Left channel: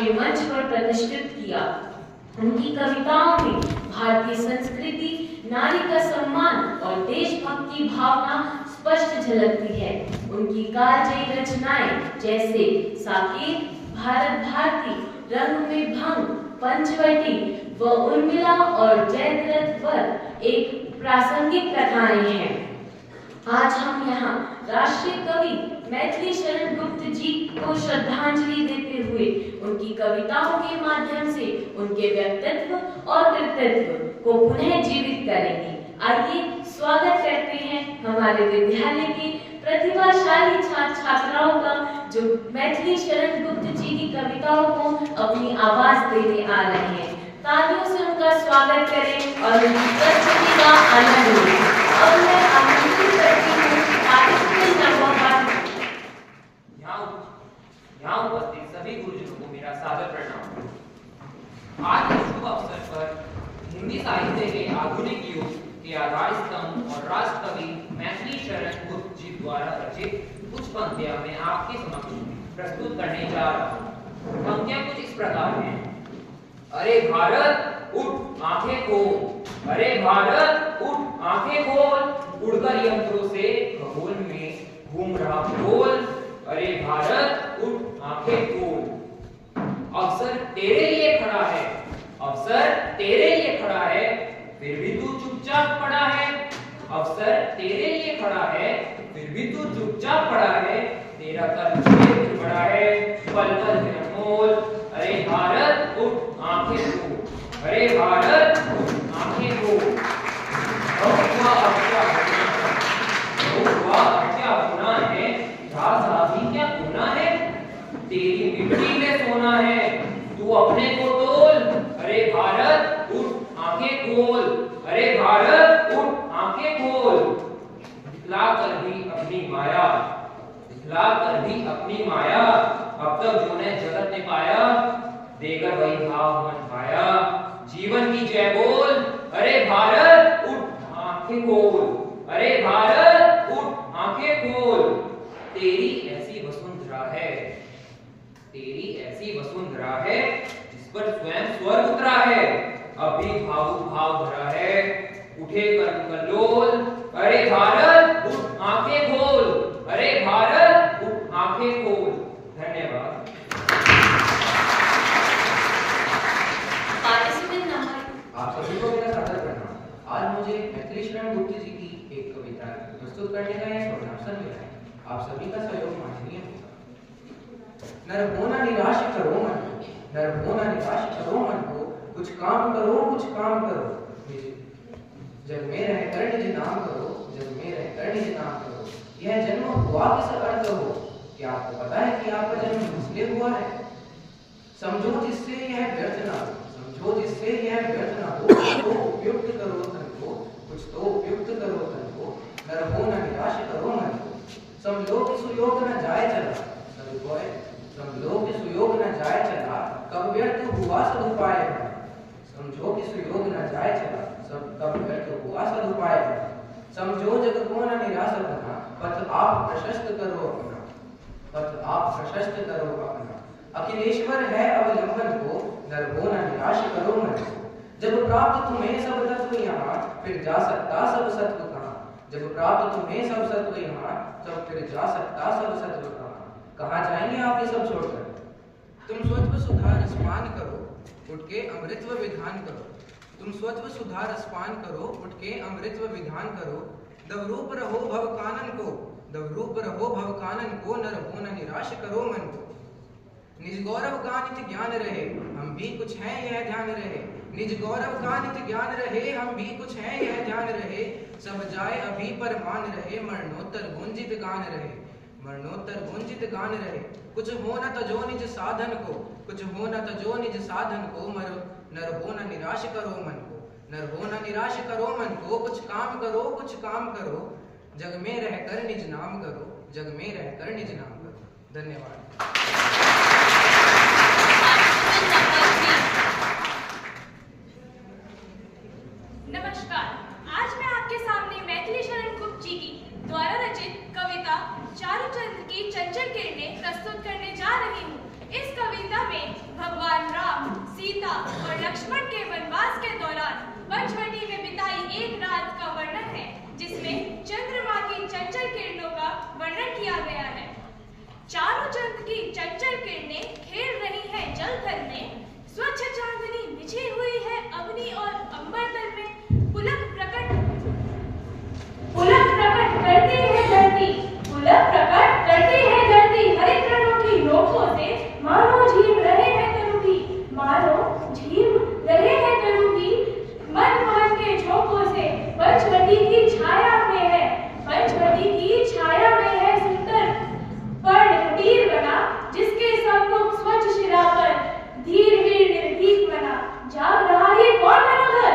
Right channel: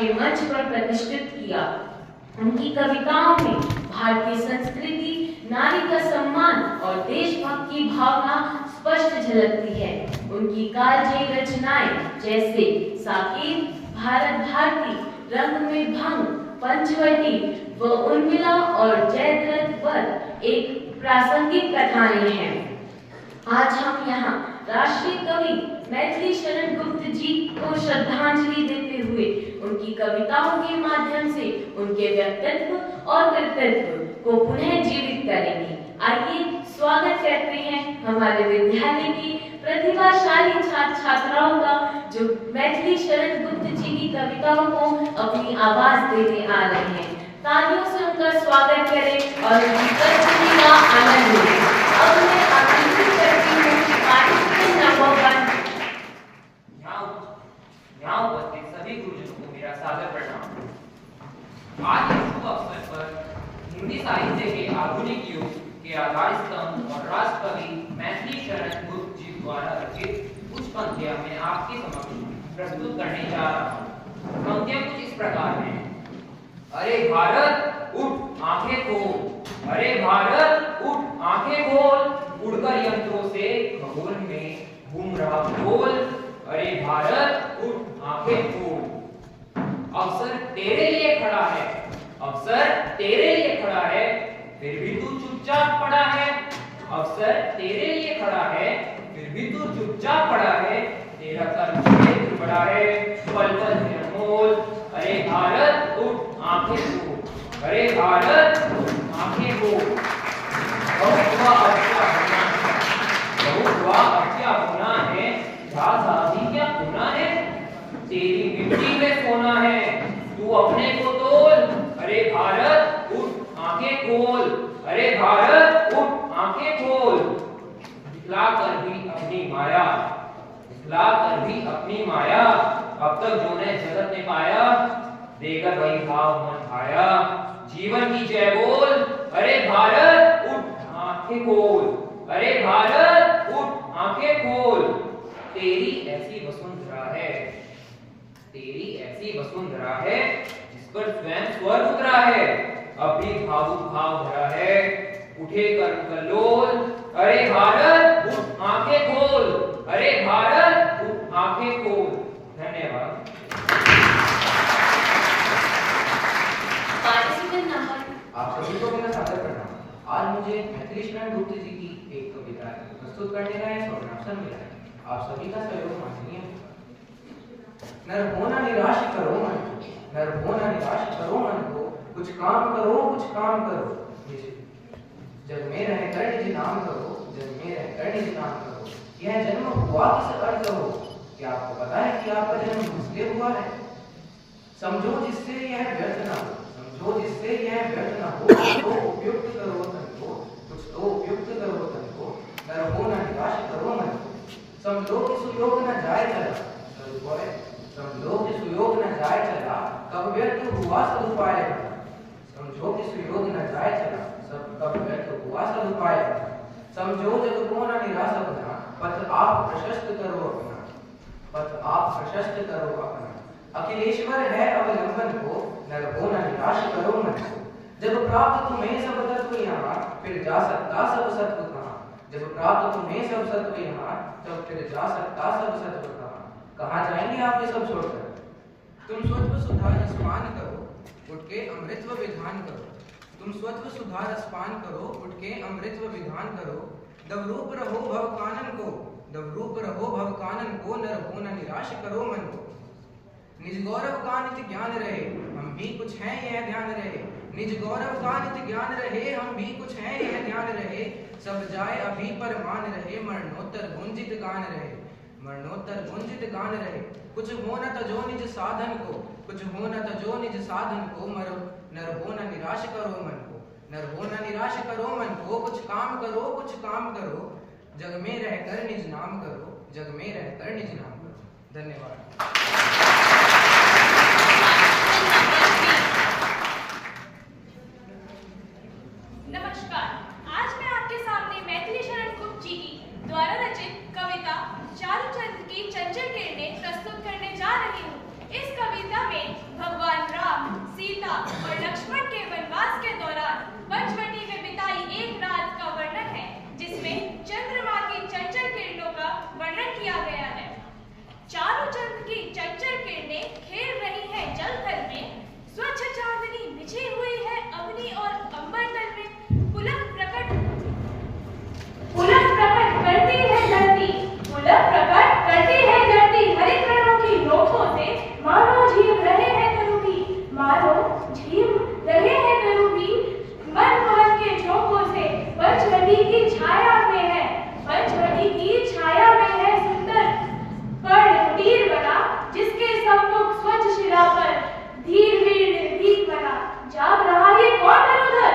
अंतर्राष्ट्रीय मंच पर प्रतिष्ठित किया। उनकी कविताओं में भारतीय संस्कृति, नारी का सम्मान और देशभक्ति की भावना स्पष्ट झलकती है। उनकी कालजयी रचनाएं जैसे साकेत, भारत भारती, रंग में भंग, पंचवटी व उर्मिला और जयद्रथ वध एक प्रासंगिक कथाएं हैं। आज हम यहाँ राष्ट्रीय कवि मैथिली शरण गुप्त जी को श्रद्धांजलि देते हुए उनकी कविताओं के माध्यम से उनके व्यक्तित्व और कृतित्व को पुनः जीवित करेंगे। आइए स्वागत करते हैं हमारे विद्यालय की प्रतिभाशाली छात्र छात्राओं का, जो मैथिली शरण गुप्त जी की कविताओं को अपनी आवाज देने आ रहे हैं। तालियों से उनका स्वागत करें और उनकी प्रस्तुति का आनंद लें। अब मैं आमंत्रित करती हूँ पार्टिसिपेंट नंबर 1। यहाँ उपस्थित सभी गुरुजनों को मेरा सादर प्रणाम। आज इस शुभ अवसर पर हिंदी साहित्य के आधुनिक युग के आधार स्तंभ और राष्ट्र कवि मैथिली शरण गुप्त जी द्वारा रचित कुछ पंक्तियां मैं आपके समक्ष प्रस्तुत करने जा रहा हूँ। पंक्तियां कुछ इस प्रकार हैं। अरे भारत उठ आंखें खोल, अरे भारत उठ आंखें खोल, उड़कर यंत्रों से खगोल में घूम रहा गोल। अरे भारत उठ आंखें खोल, अवसर तेरे लिए खड़ा है, अवसर तेरे लिए खड़ा है, फिर भी तू चुपचाप पड़ा है। अवसर तेरे लिए खड़ा है, फिर भी तू चुपचाप पड़ा है। तेरा कर्म क्षेत्र बड़ा है, पल पल में अनमोल। अरे भारत उठ आंखें खोल, अरे भारत उठ आंखें खोल। बहुत हुआ क्या होना है, भी क्या होना है, तेरी मिट्टी में सोना है, तू अपने को तोल। अरे भारत उठ आंखें खोल, अरे भारत उठ आंखें खोल। दिखला कर भी अपनी माया, दिखला कर भी अपनी माया, अब तक जो ने जगत ने पाया, देकर वही भाव मन भाया। जीवन की जय बोल, अरे भारत उठ आंखें खोल, अरे भारत उठ आंखें खोल। तेरी ऐसी वसुंधरा है, तेरी ऐसी वसुंधरा है, जिस पर स्वयं स्वर्ग उतरा है, अब भी भावुक भाव भरा है, उठे कर कल्लोल। अरे भारत उठ आंखें खोल, अरे भारत उठ आंखें खोल। धन्यवाद। आप सभी को मेरा सादर प्रणाम। आज मुझे मैथिली शरण गुप्त जी की एक कविता प्रस्तुत करने का यह अवसर मिला है। आप सभी का सहयोग माननीय। नर होना निराश करो मन को, नर होना निराश करो मन को, कुछ काम करो, कुछ काम करो। जग में रहकर निज नाम करो, जग में रहकर निज नाम करो। यह जन्म हुआ किस अर्थ हो, क्या आपको पता है कि आपका जन्म इसलिए हुआ है? समझो जिससे यह व्यर्थ ना हो, समझो जिससे यह व्यर्थ ना हो। कुछ तो उपयुक्त करो तन को, कुछ तो उपयुक्त करो तन को। नर होना निराश करो मन को, समझो कि सुयोग न जाए चला, समझो कि सुयोग न जाए चला, कब व्यर्थ हुआ सदुपाय भला। समझो कि सुयोग न जाए चला, सब कब व्यर्थ हुआ सदुपाय भला। समझो जग को न निराश अपना, पथ आप प्रशस्त करो अपना, पथ आप प्रशस्त करो अपना। अखिलेश्वर है अवलंबन को, नर हो न निराश करो मन को। जब प्राप्त तुम्हें सब तत्व यहाँ, फिर जा सकता सब सत्व कहाँ। जब प्राप्त तुम्हें सब सत्व यहाँ, तब फिर जा सकता सब सत्व कहाँ। कहाँ जाएंगे आप ये सब छोड़कर? तुम स्वत्व सुधार स्पान करो, उठ के अमृतव विधान करो। तुम स्वत्व सुधार स्पान करो, उठ के अमृतव विधान करो। दवरूप रहो भव कानन को, दवरूप रहो भव कानन को। नर हो न निराश करो मन को। निज गौरव का नित्य ज्ञान रहे, हम भी कुछ हैं यह ध्यान रहे। निज गौरव का नित्य ज्ञान रहे, हम भी कुछ हैं यह ध्यान रहे। सब जाए अभी पर मान रहे, मरणोत्तर गुंजित गान रहे, मरणोत्तर गुंजित गान रहे। कुछ हो न तजो निज साधन को, कुछ हो न तजो निज साधन को। नर हो न निराश करो मन को, नर हो न निराश करो मन को। कुछ काम करो, कुछ काम करो, जग में रहकर निज नाम करो, जग में रहकर निज नाम करो। धन्यवाद। नमस्कार। आज मैं आपके सामने मैथिली शरण गुप्त जी की द्वारा रचित कविता चारुचंद्र की चंचल किरणें प्रस्तुत करने जा रही हूँ। इस कविता में भगवान सीता और लक्ष्मण के वनवास के दौरान पंचवटी में बिताई एक रात का वर्णन है, जिसमें चंद्रमा की चंचल किरणों का वर्णन किया गया है। चारों चंद्र की चंचल किरणें खेल रही हैं जल थल में, स्वच्छ चांदनी बिछी हुई है अग्नि और अंबर तल में, पुलक प्रकट करती है धरती, पुलक प्रकट करती है धरती, हरित रणों की नोकों से मानो झीम रहे हैं तरुवी, मानो झीम रहे हैं तरुवी, मन पवन के झोंकों से पंचवटी की छाया में है, पंचवटी की छाया में है सुंदर पर्ण कुटीर बना, जिसके सम्मुख स्वच्छ शिरा पर धीर वीर निर्भीक बना। जाग रहा ये कौन धनुधर,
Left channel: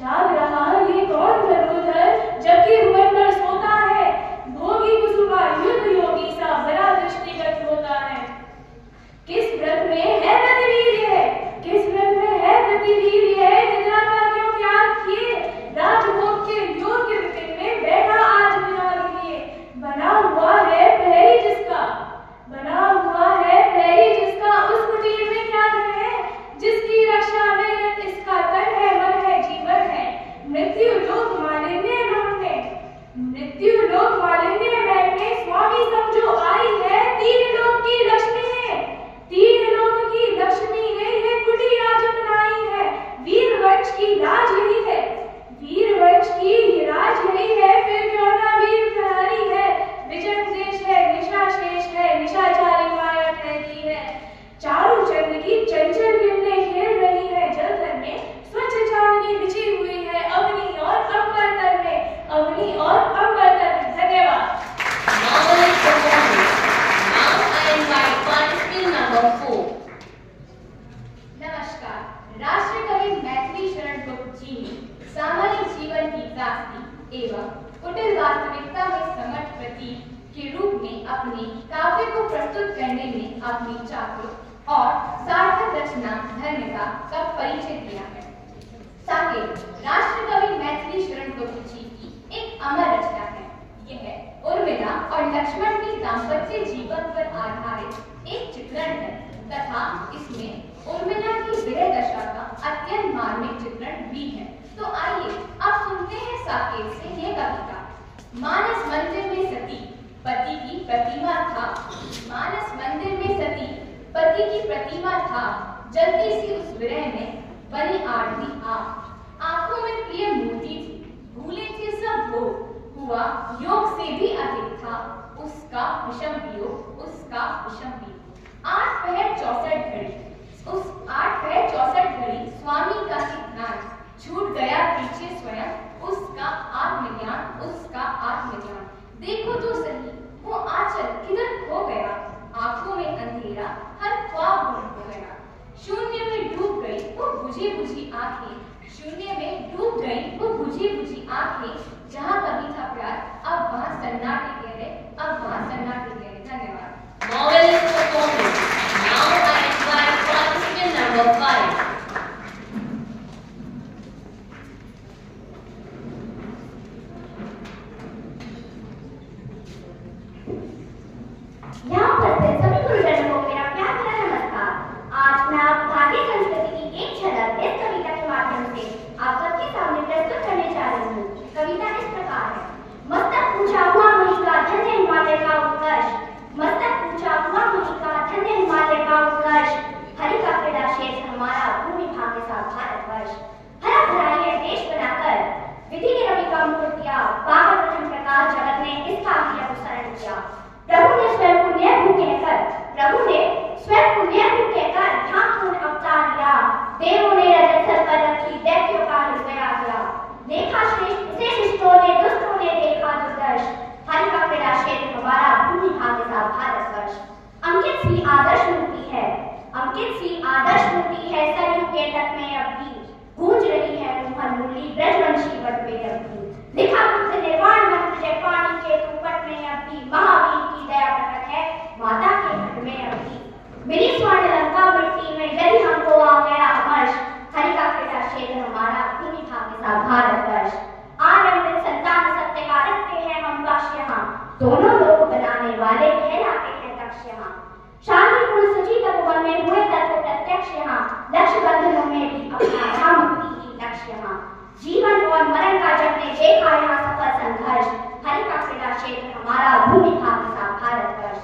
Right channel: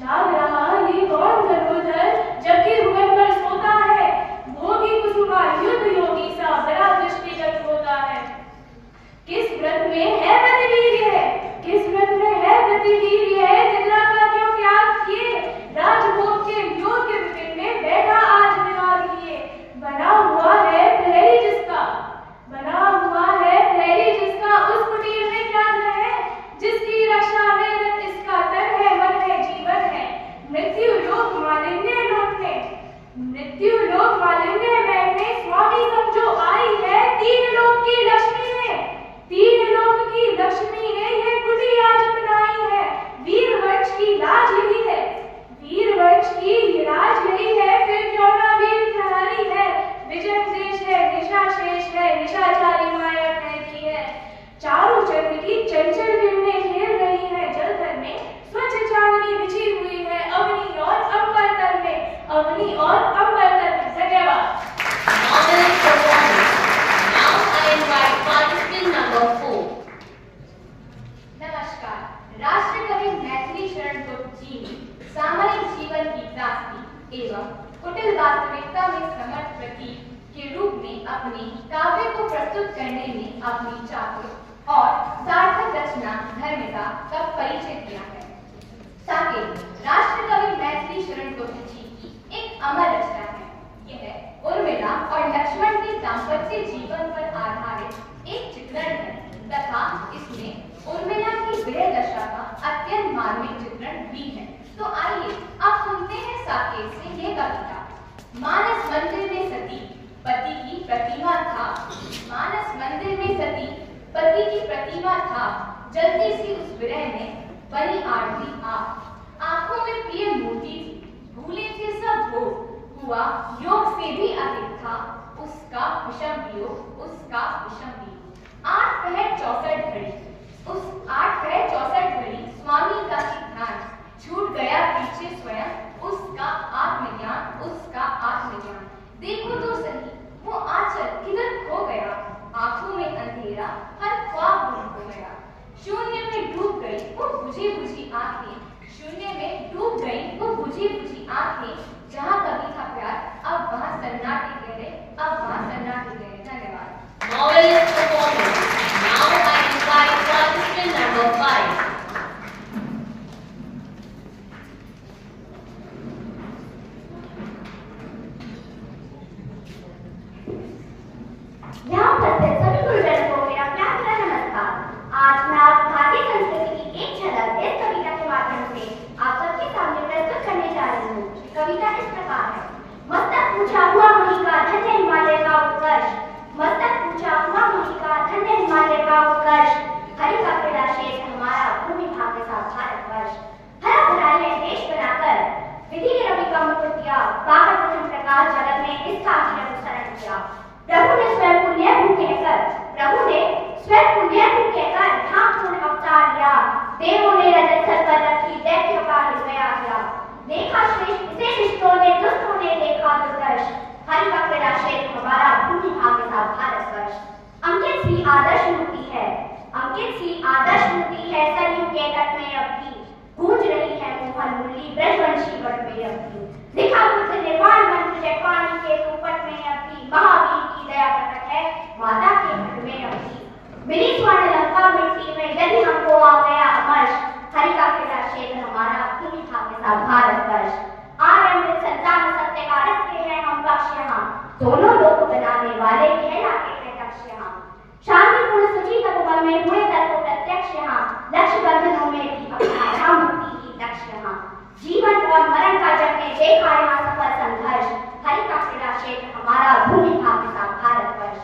जाग रहा ये कौन धनुधर, जबकि भुवन पर सोता है भोगी कुसुमा युद्ध योगी सा बड़ा दृष्टिगत होता है। किस व्रत में है प्रतिवीर्य है, किस व्रत में है प्रतिवीर्य है, निद्रा का क्यों त्याग किए, राजभोग के योग्य विपिन में बैठा आज विराग लिए, बना हुआ है प्रहरी जिसका, बना हुआ है प्रहरी जिसका, उस कुटीर में क्या धन है, जिसकी रक्षा में रत इसका तन है, मन है, जीवन है, मृत्यु लोक मालिन्य लौटने, मृत्यु लोक मालिन्य बैठने, स्वामी समझो आई है, तीन लोक की लक्ष्मी है, तीन लोक की लक्ष्मी यही है, कुटी आज अपनाई है, वीर वंश की लाज यही है, वीर वंश की लाज यही है, फिर क्यों ना वीर प्रहरी है, विजय देश है, निशा शेष है, निशाचारी माया ठहरी है। चारों चंद्र की चंचल किरणें खेल रही है जल थल में, स्वच्छ चांदनी बिछी हुई है अग्नि और अंबर तल में, अग्नि और अंबर तल में। धन्यवाद। Now I invite participant number 4. नमस्कार। राष्ट्रकवि मैथिली शरण गुप्त जी ने सामान्य जीवन की त्रासदी एवं कुटिल वास्तविकता में समर्थ प्रतीक के रूप में अपने काव्य को प्रस्तुत करने में अपनी चातुर और सार्थक रचना धर्मिता का परिचय दिया है। साकेत राष्ट्रकवि मैथिली शरण गुप्त जी की एक अमर रचना है। यह उर्मिला और लक्ष्मण के दाम्पत्य जीवन पर आधारित एक चित्रण है तथा इसमें उर्मिला की विरह दशा का अत्यंत मार्मिक चित्रण भी है। तो आइए अब सुनते हैं साकेत से यह कविता। मानस मंदिर में सती पति की प्रतिमा था, मानस मंदिर में सती पति की प्रतिमा था, जलती सी उस विरह में बनी आरती आप, आंखों में प्रिय मोती थी, भूले थे सब भोग, हुआ योग से भी अधिक था उसका विषम वियोग, उसका विषम वियोग। 8 पहर 64 घड़ी, उस 8 पहर 64 घड़ी स्वामी का ही ध्यान, छूट गया पीछे स्वयं उसका आत्मज्ञान, उसका आत्मज्ञान। देखो तो सही वो आंचल किधर खो गया, आंखों में अंधेरा हर ख्वाब गुम हो गया। शून्य में डूब गई वो बुझी बुझी आंखें, शून्य में डूब गई वो बुझी बुझी आंखें, जहाँ कभी था प्यार अब वहाँ सन्नाटे गहरे, अब वहाँ सन्नाटे गहरे। धन्यवाद। Marvelous performance. Now I invite participant number 5. यहाँ उपस्थित सभी गुरुजनों को मेरा प्यार भरा नमस्कार। आज मैं आप भारतीय संस्कृति की एक झलक इस कविता के माध्यम से आप सबके सामने प्रस्तुत करने जा रही हूँ। कविता इस प्रकार है। मस्तक ऊंचा हुआ मुनि का धन्य हिमालय का उत्कर्ष, मस्तक ऊंचा हुआ मुनि का धन्य हिमालय का उत्कर्ष, हरि का क्रीड़ा क्षेत्र हमारा भूमि भाग्य सा भारतवर्ष। हरा भरा है देश बनाकर विधि ने रवि का मुकुट दिया, पाकर प्रथम प्रकाश जगत ने इसका ही अनुसरण किया। प्रभु ने स्वयं पुण्य भू कहकर, प्रभु ने स्वयं पुण्य भू कहकर यहाँ पूर्ण अवतार लिया, देवों ने रजत सर पर रखी दैत्यों का हृदय आया, देखा श्रेष्ठ उसे शिष्टों ने दुष्टों ने देखा दुर्दर्श, हरि का क्रीड़ा क्षेत्र हमारा भूमि भाग्य सा भारतवर्ष। अंकित सी आदर्श मूर्ति है, अंकित सी आदर्श मूर्ति है, सरयू के तट में अब भी गूंज रही है मोहन मुरली ब्रजवंशी वट में अब भी, लिखा बुद्ध ने वाण मंत्र जय पानी के कुपट में अब भी, महावीर की दया प्रकट है माता के घट में अब भी। मिली स्वर्ण लंका मिट्टी में यदि हमको आ गया अमर्ष, हरि का क्रीड़ा क्षेत्र हमारा भूमि भाग्य सा भारतवर्ष। आर्यमृत संतान सत्य का रखते हैं हम पक्ष यहाँ, दोनों लोग बनाने वाले कहलाते हैं दक्ष यहाँ। शांतिपूर्ण सची तपोवन में हुए तत्व प्रत्यक्ष यहाँ, लक्ष्य बंधनों में भी अपना राम मुक्ति ही लक्ष्य यहाँ। जीवन और मरण का जब ने देखा यहाँ सफल संघर्ष, हरि का क्रीड़ा क्षेत्र हमारा भूमि भाग्य सा भारतवर्ष।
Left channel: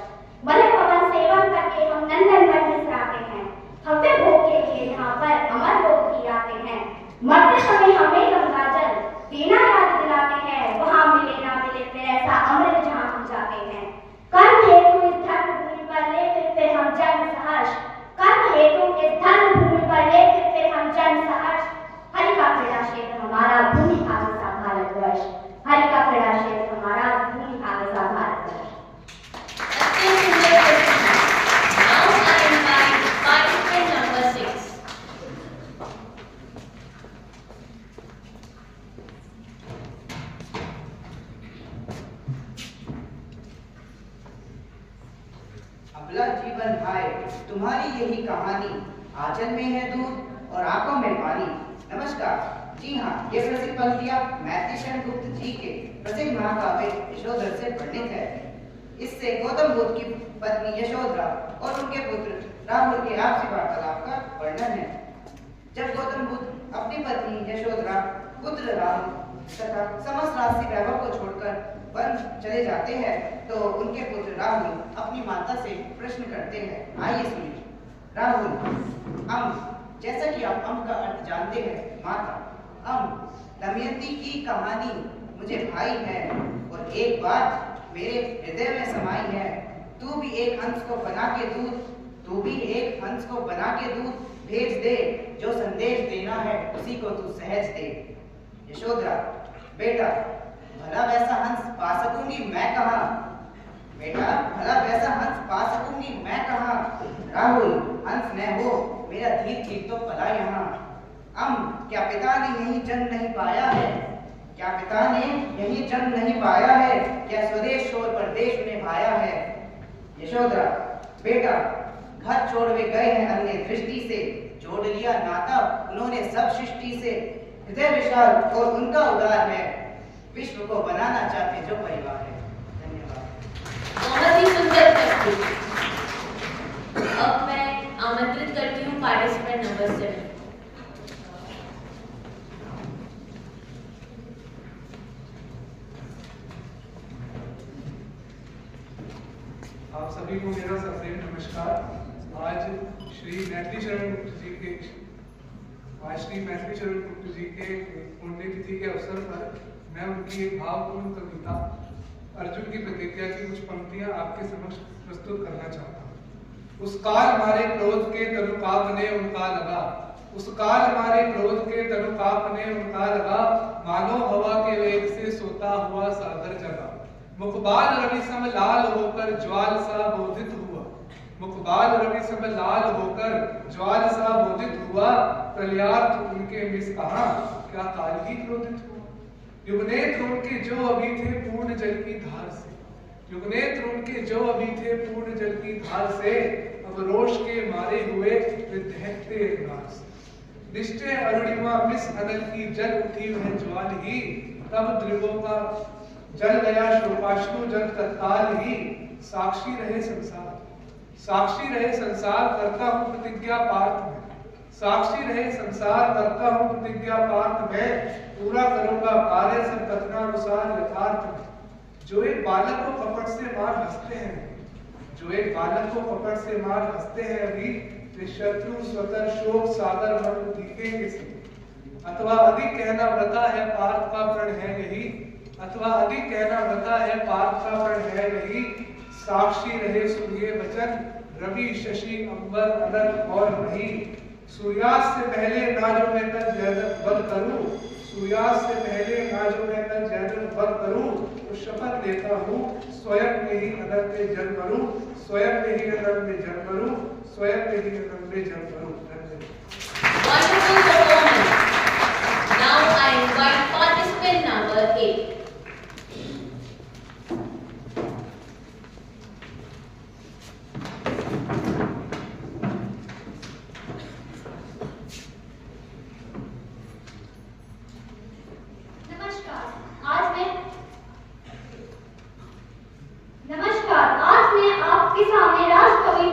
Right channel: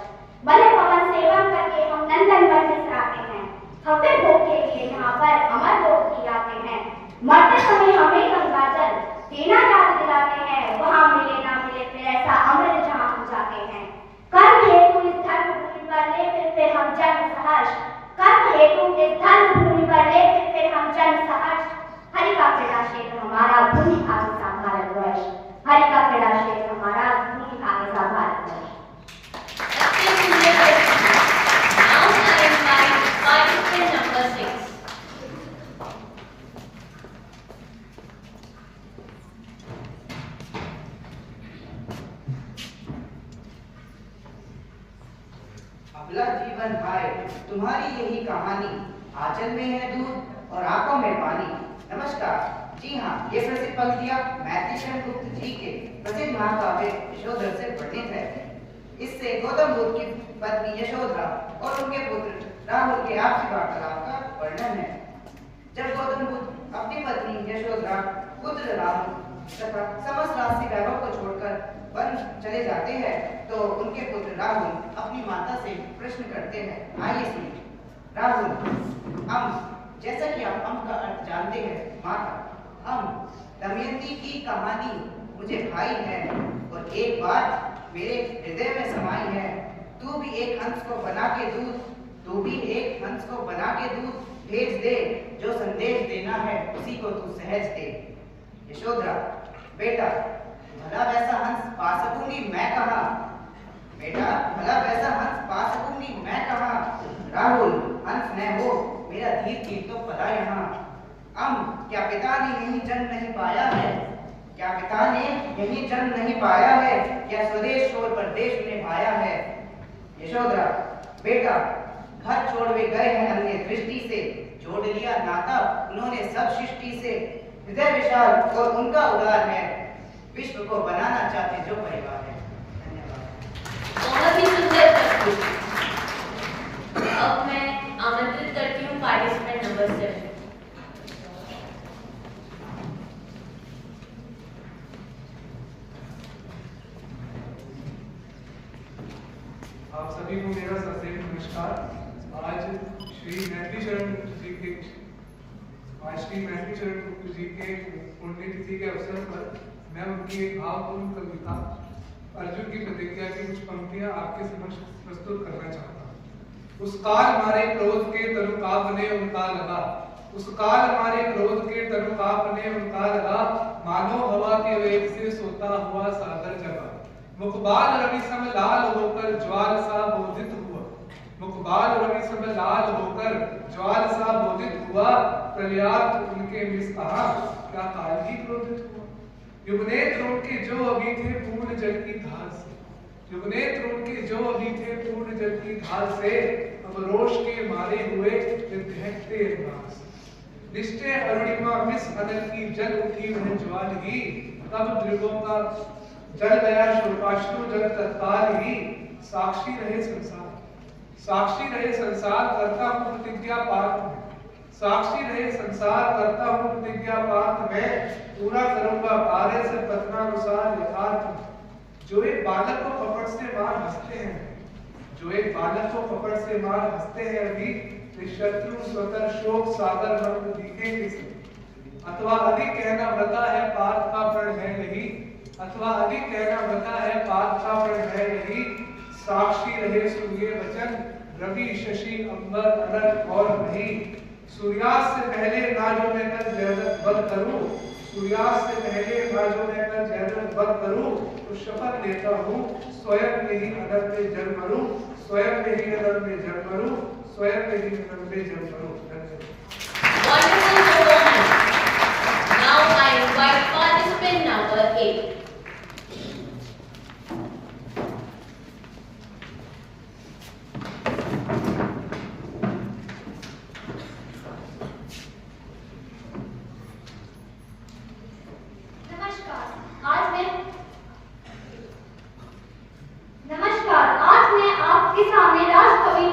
मलय पवन सेवन करके हम नंदन वन बिसराते हैं, हव्य भोग के लिए यहाँ पर अमर लोग भी आते हैं। मरते समय हमें गंगा जल देना याद दिलाते हैं, वहाँ मिले ना मिले फिर ऐसा अमृत जहाँ हम जाते हैं। कर्म हेतु इस धर्म भूमि पर ले फिर हम जन्म सहर्ष, कर्म हेतु इस धर्म भूमि पर ले फिर हम जन्म सहर्ष। हरि का क्रीड़ा क्षेत्र हमारा भूमि भाग्य सा भारतवर्ष, हरि का क्रीड़ा क्षेत्र हमारा भूमि भाग्य सा Bharatvarsh. Now I invite participant number 6. अबला जीवन हाय तुम्हारी यही कहानी, आंचल में है दूध और आंखों में पानी। नमस्कार। जी हाँ, ये प्रसिद्ध पंक्तियां मैथिली शरण गुप्त जी के प्रसिद्ध महाकाव्य यशोधर से वर्णित है। इससे गौतम बुद्ध की पत्नी यशोधरा और उनके पुत्र राहुल के आपसी वार्तालाप का वर्णन है। जब गौतम बुद्ध अपनी पत्नी यशोधरा, पुत्र राहुल तथा समस्त राष्ट्रीय वैभव को छोड़कर वन चले जाते हैं, तो उनके पुत्र राहुल अपनी माता से प्रश्न करते हैं। आइए सुनिए। राहुल, जैसा कि आप का अर्थ जानते हैं, माता, दमयंती की कहानी मुझे भाई है और एक बात मेरे हृदय में समाई है। तू भी एक हंस को बना के दूध भेज दे, जो संदेश देना है उसी को तू सहज दे। यशोधरा, बेटा भला वैसा हंस पा सकूंगी मैं कहाँ? राहुल, हंस न हो, मेरा धीर चीर तो पला यहाँ। क्या पिता ने यही जन्म नहीं पाया है? क्या स्वदेश छोड़ परदेश में भाया है? यशोधरा, बेटा घर छोड़ वे गए हैं अन्य दृष्टि से, जोड़ लिया नाता उन्होंने सब सृष्टि से। हृदय विशाल और उनका उदार है, विश्व को बनाना चाहते जो परिवार है। धन्यवाद। बहुत ही सुंदर प्रस्तुति। अब मैं आमंत्रित करती हूँ पार्टिसिपेंट नंबर 7। आप सभी को मेरा सप्रेम नमस्कार। आज श्री मैथिली शरण गुप्त जी के पुण्यतिथि के अवसर पर मैं उनकी एक भावपूर्ण कविता अर्जुन की प्रतिज्ञा की कुछ पंक्तियां आपके समक्ष प्रस्तुत करना चाहता हूँ। उस काल हमारे क्रोध के तनु कांपने उनका लगा, उस काल हमारे क्रोध के तनु कांपने उनका लगा, मानो हवा के वेग से सोता हुआ सागर जगा। मुखबाल रवि सम लाल होकर ज्वाल सा बोधित हुआ, मुखबाल रवि सम लाल होकर ज्वाल सा बोधित हुआ, प्रलयार्थ उनके मिस कहा, क्या काल ही क्रोधित हुआ। युगनेत्र उनके जो अभी थे पूर्ण जल की धार से, युगनेत्र उनके जो अभी थे पूर्ण जल की धार से, अब रोष के मारे हुए दहकते अंगार से। निश्चय अरुणिमा मिस अनल की जल उठी वह ज्वाल ही, तब द्रिवों का जल गया शोकाश्रु जल तत्काल ही। साक्षी रहे संसार करता हूँ प्रतिज्ञा पार्थ में, साक्षी रहे संसार करता हूँ प्रतिज्ञा पार्थ में, पूरा करूंगा कार्य से कथनानुसार यथार्थ में। जो एक बालक को कपट से मार हंसते हैं, जो एक बालक को कपट से मार हंसते हैं अभी, वे शत्रु स्वतर शोक सागर मंद दिखेंगे से। अथवा अधिक कहना व्रता है पार्थ का प्रण है यही, अथवा अधिक कहना व्रता है पार्थ का प्रण है यही। साक्षी रहे सूर्य वचन रवि शशि अंबर अनल और नहीं, सूर्यास्त से पहले ना जो मैं कर जयद्रथ वध करूं, सूर्यास्त से पहले ना जो मैं कर जयद्रथ वध करूं, तो शपथ लेता हूं स्वयं में ही अनल में जन्म लूं, स्वयं में ही अनल में जन्म लूं, स्वयं में ही अनल में जन्म लूं। Wonderful performance. Now I invite participant number 8. नमस्कार, आज मैं आपके सामने राष्ट्रकवि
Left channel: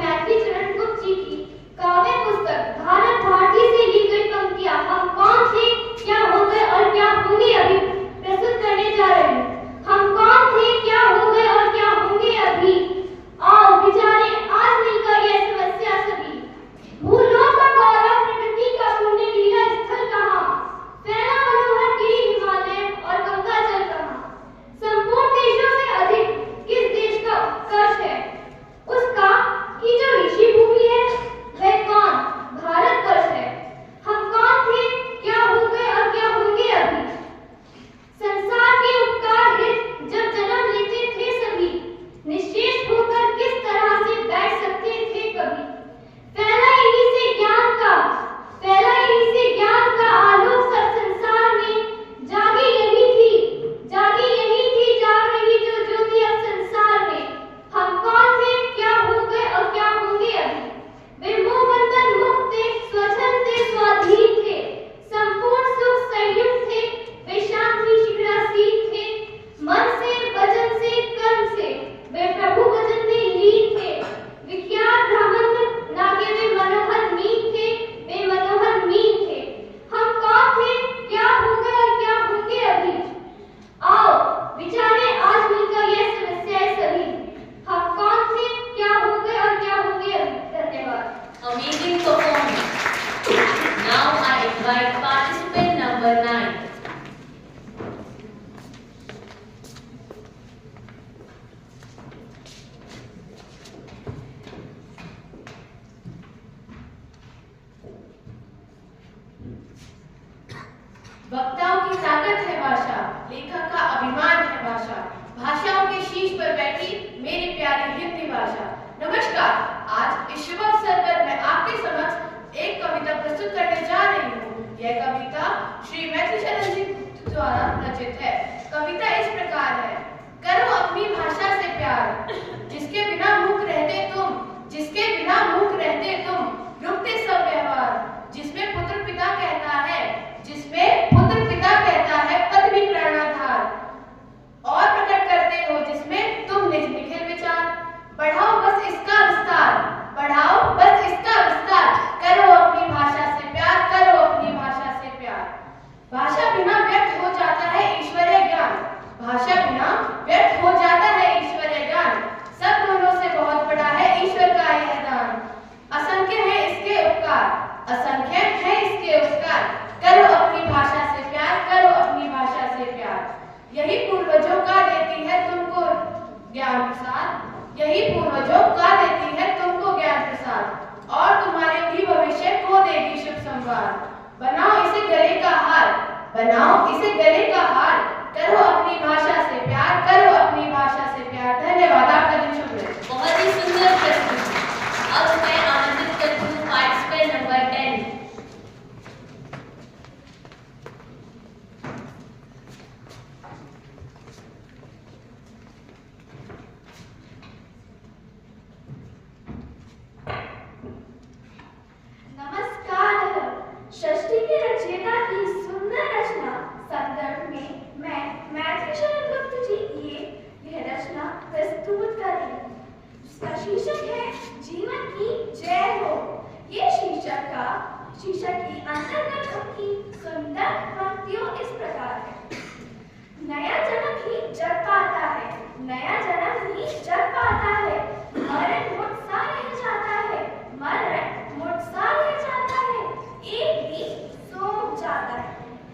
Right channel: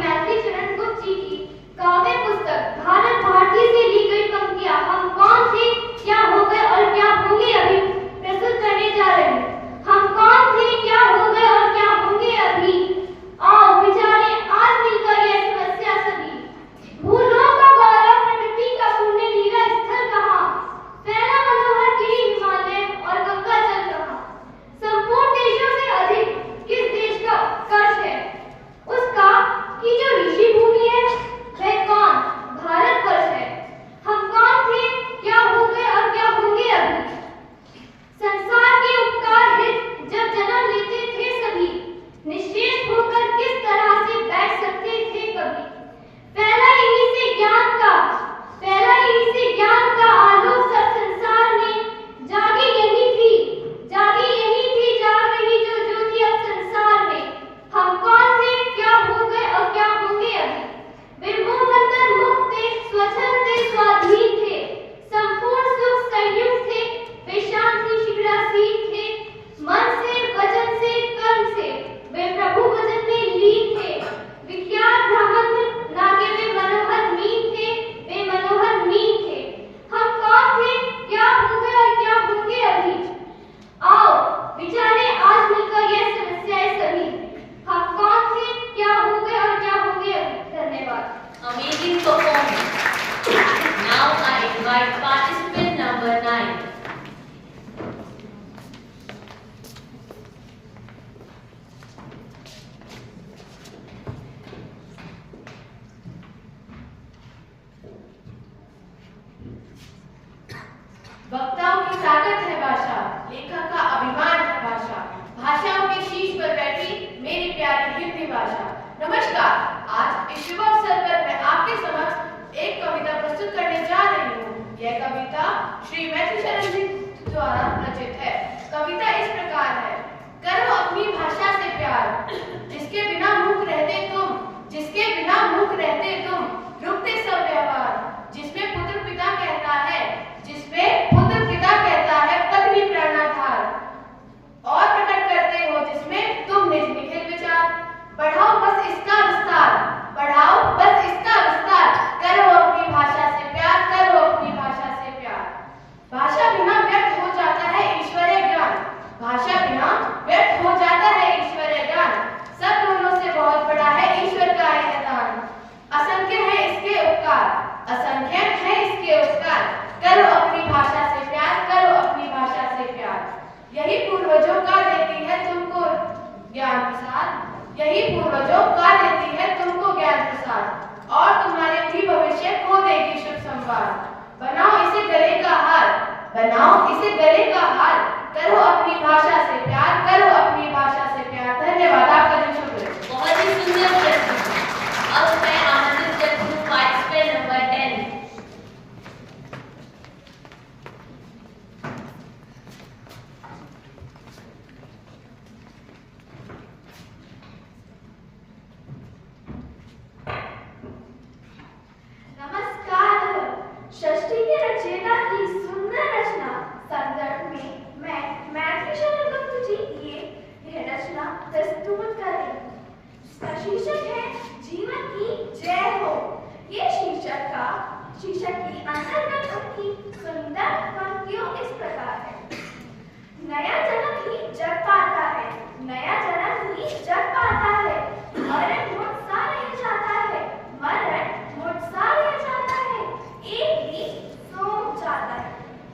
की ताकत है भाषा, लेखक का अभिमान है भाषा, भाषाओं के शीश पर बैठी मेरी प्यारी हिंदी भाषा। नमस्कार, आज इस शुभ अवसर पर मैं आपके समक्ष एक कविता प्रस्तुत करने जा रही हूँ। यह कविता श्री मैथिली शरण जी द्वारा रचित है। कविता इस प्रकार है। करो अपनी भाषा से प्यार, जिसके बिना मूक रहते तुम, जिसके बिना मूक रहते तुम, रुकते सब व्यवहार, जिसमें पुत्र पिता कहता है, जिसमें पुत्र पिता कहता है पत्नी प्राणाधार, और प्रकट करते हो जिसमें तुम निज निखिल विचार। बढ़ाओ बस इसका विस्तार, बढ़ाओ बस इसका विस्तार, करो अपनी भाषा से प्यार, करो अपनी भाषा से प्यार। भाषा बिना व्यक्त हो जाता है ईश्वरीय ज्ञान, भाषा बिना व्यक्त हो जाता है ईश्वरीय ज्ञान। सब गुणों से बहुत बड़ा है ईश्वर का यह दान, असंख्य है इसके उपकार, असंख्य है इसके उपकार। करो अपनी भाषा से प्यार, करो अपनी भाषा से प्यार। यही पूर्वजों का देती है तुमको ज्ञान प्रसाद, यही पूर्वजों का देती है तुमको ज्ञान प्रसाद, और तुम्हारे भी भविष्य को देगी शुभ संवाद। बनाओ इसे गले का हार, बनाओ इसे गले का हार, करो अपनी भाषा से प्यार, करो अपनी भाषा से प्यार। धन्यवाद, आपका दिन शुभ रहे। बहुत ही सुंदर प्रस्तुति। अब मैं आमंत्रित करती हूँ पार्टिसिपेंट नंबर 10। नमस्कार। षष्ठी के रचयिता की सुंदर रचना संदर्भ में मैं मैथिली शरण गुप्त जी की यह रचना प्रस्तुत कर रही हूँ, जिसका शीर्षक है जीवन की जय हो। ये शीर्षक की अंतर्गत उनकी सुंदर पंक्तियों इस प्रकार है। नया जन्म ही जग पाता है, नया जन्म ही जग पाता है, मरण मुझ सा रह जाता है, मरण मुझ सा रह जाता है, एक ही सो जाता है।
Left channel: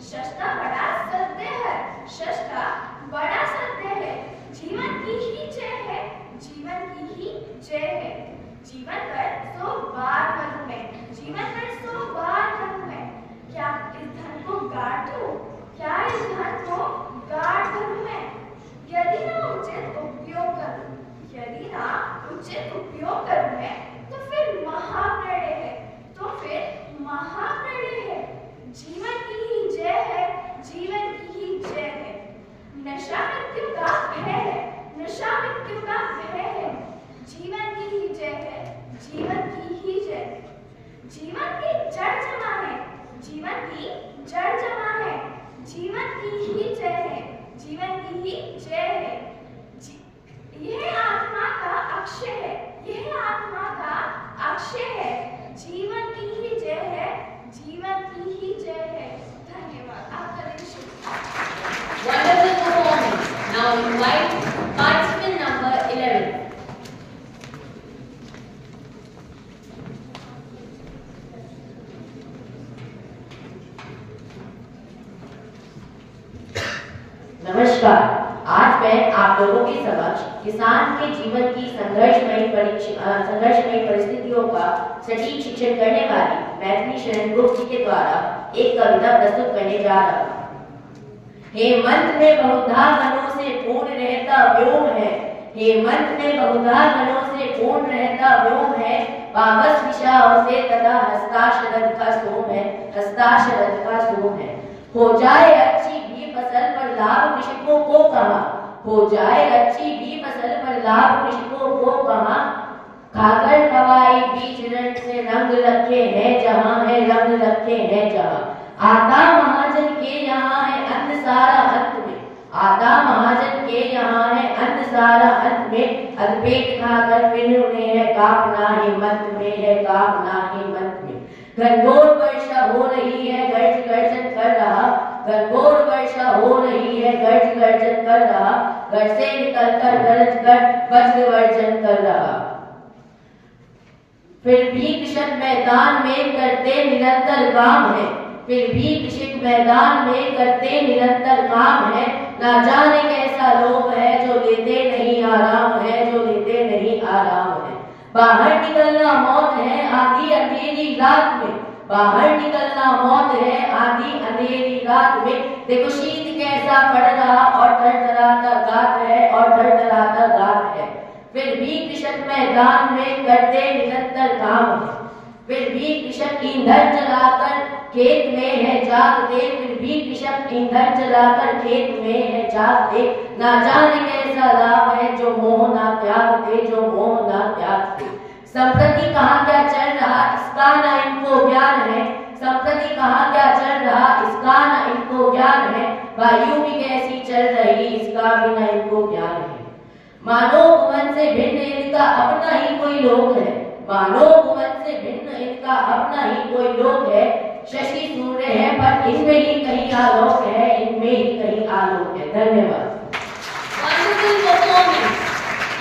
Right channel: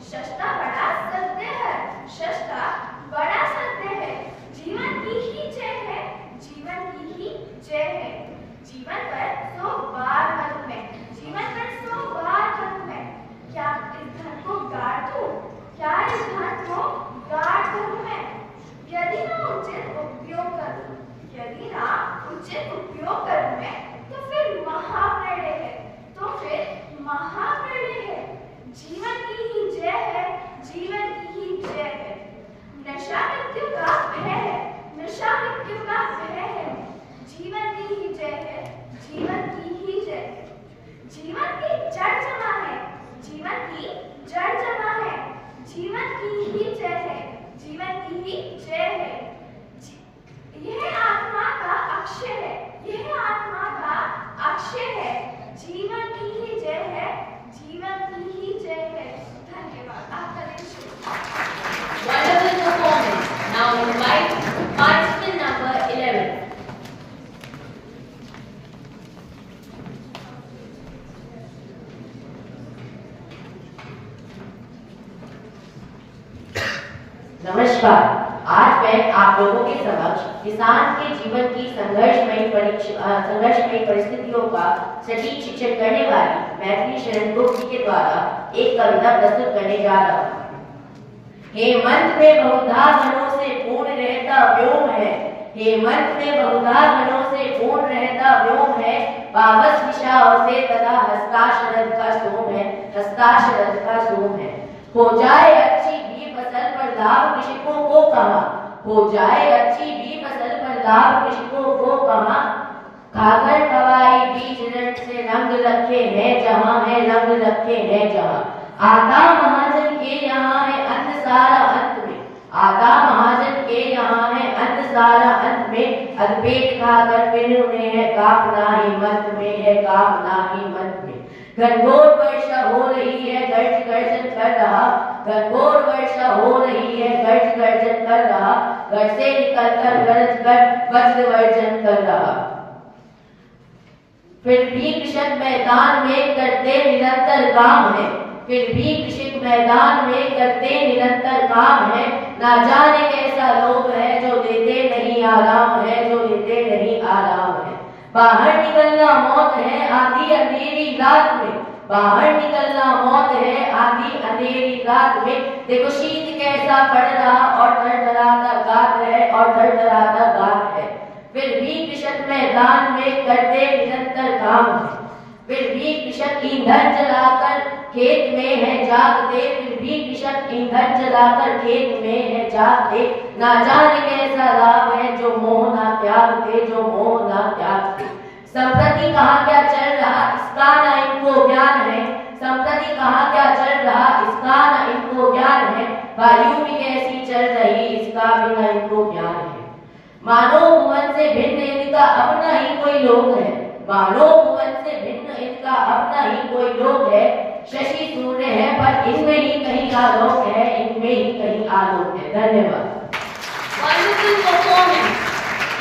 शस्ता बड़ा सत्य है, शस्ता बड़ा सत्य है, जीवन की ही जय है, जीवन की ही जय है। जीवन पर 100 बार मधु में, जीवन पर 100 बार मधु में, क्या इस धन को गाड़ दूं, क्या इस धन को गाड़ दूं मैं? यदि ना उचित उपयोग करूं, यदि ना उचित उपयोग करूं मैं, तो फिर महाप्रलय है, तो फिर महाप्रलय है। जीवन की ही जय है, जीवन की ही जय है। नशा मृत्यु का भय है, नशा मृत्यु का भय है, जीवन की ही जय है, जीवन की ही जय है। जीवन की जड़ जमा है, जीवन की जड़ जमा है, जीवन की ही जय है, जीवन की ही जय है। यह आत्मा का अक्षय है, यह आत्मा का अक्षय है, जीवन की ही जय है, जीवन की ही जय है। धन्यवाद, आपका दिन शुभ। Wonderful performance. Now invite participant number 11. नमस्कार, आज मैं आप लोगों के समक्ष किसान के जीवन की संघर्षमयी परिस्थितियों का सटीक शिक्षण करने वाली मैथिली शरण गुप्त जी के द्वारा एक कविता प्रस्तुत करने जा रहा हूँ। हेमंत में बहुधा गणों से पूर्ण रहता व्योम है, हेमंत में बहुधा गणों से पूर्ण रहता व्योम है, पावस दिशाओं से तथा हस्ताशरथ का सोम है, हस्ताशरथ का सोम है। हो जाए अच्छी भी फसल पर लाभ कृषकों को कहाँ, हो जाए अच्छी भी फसल पर लाभ कृषकों को कहाँ, खाकर खवाई बीज रण से रंग रखे हैं जहाँ है, रंग रखे हैं जहाँ। आता महाजन के यहाँ है अन्न सारा अंत में, आता महाजन के यहाँ है अन्न सारा अंत में, अधपेट खाकर फिर उन्हें है कांपना हिम्मत में, है कांपना हिम्मत में। घनघोर वर्षा हो रही है गर्ज गर्जन कर रहा, घनघोर वर्षा हो रही है गर्ज गर्जन कर रहा, घर से निकलकर गरज कर वज्र वर्जन कर रहा। फिर भी कृषक मैदान में करते निरंतर काम है, फिर भी कृषक मैदान में करते निरंतर काम है। ना जाने कैसा लोभ है जो लेते नहीं आराम है, जो लेते नहीं आराम है। बाहर निकलना मौत है आधी अंधेरी रात में, बाहर निकलना मौत है, आंधी अंधेरी रात में देखो शीत कैसा पड़ रहा और थरथराता गात है और थरथराता गात है। फिर भी कृषक मैदान में करते निरंतर काम है, फिर भी कृषक ईंधन जलाकर खेत में है जागते, फिर भी कृषक ईंधन जलाकर खेत में है जागते। ना जाने कैसा लाभ है जो मोह ना त्यागते, जो मोह ना त्यागते। संप्रति कहाँ क्या चल रहा इसका ना इनको ज्ञान है, संप्रति कहाँ क्या चल रहा इसका ना इनको ज्ञान है। वायु भी कैसी चल रही इसका भी ना इनको ज्ञान है। मानव भुवन से भिन्न इनका अपना ही कोई लोक है, मानव भुवन से भिन्न इनका अपना ही कोई लोक है। शशि सूर्य है पर इनमें ही कहीं आलोक है, इनमें ही कहीं आलोक है। धन्यवाद। Wonderful performance.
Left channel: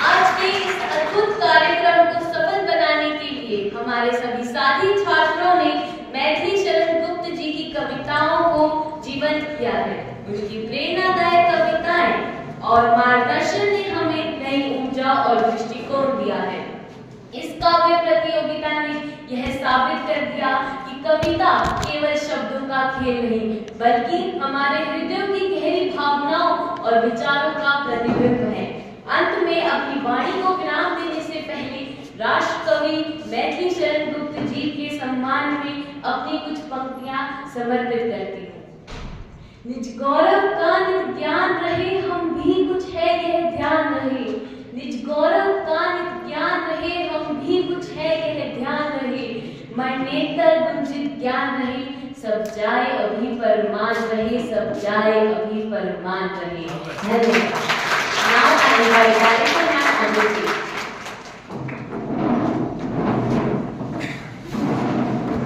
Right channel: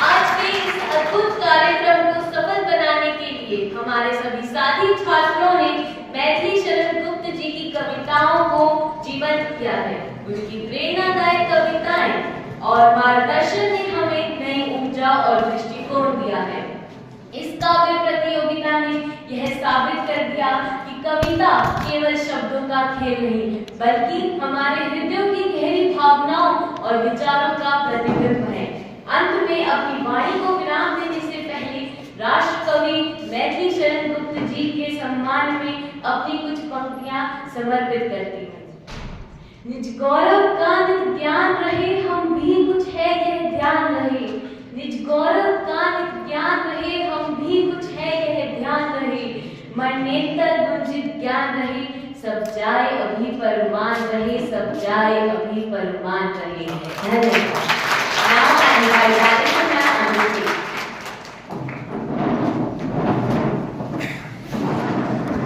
आज के इस अद्भुत कार्यक्रम को सफल बनाने के लिए हमारे सभी साथी छात्रों ने मैथिली शरण गुप्त जी की कविताओं को जीवंत किया है। उनकी प्रेरणादायक कविताएं और मार्गदर्शन ने हमें नई ऊर्जा और दृष्टिकोण दिया है। इस काव्य प्रतियोगिता ने यह साबित कर दिया कि कविता केवल शब्दों का खेल नहीं, बल्कि हमारे हृदयों की गहरी भावनाओं और विचारों का प्रतिबिंब है। अंत में अपनी वाणी को विराम देने से पहले राष्ट्र कवि मैथिली शरण गुप्त जी के सम्मान में अपनी कुछ पंक्तियां समर्पित करती हूँ। निज गौरव का निज ज्ञान रहे, हम भी कुछ है यह ध्यान रहे। निज गौरव का निज ज्ञान रहे, हम भी कुछ है यह ध्यान रहे। मन नेतर गुंजित ज्ञान रहे, सब जाए अभी परमान रहे, सब जाए अभी परमान रहे। धन्यवाद। Now I invite Alison and Anjali.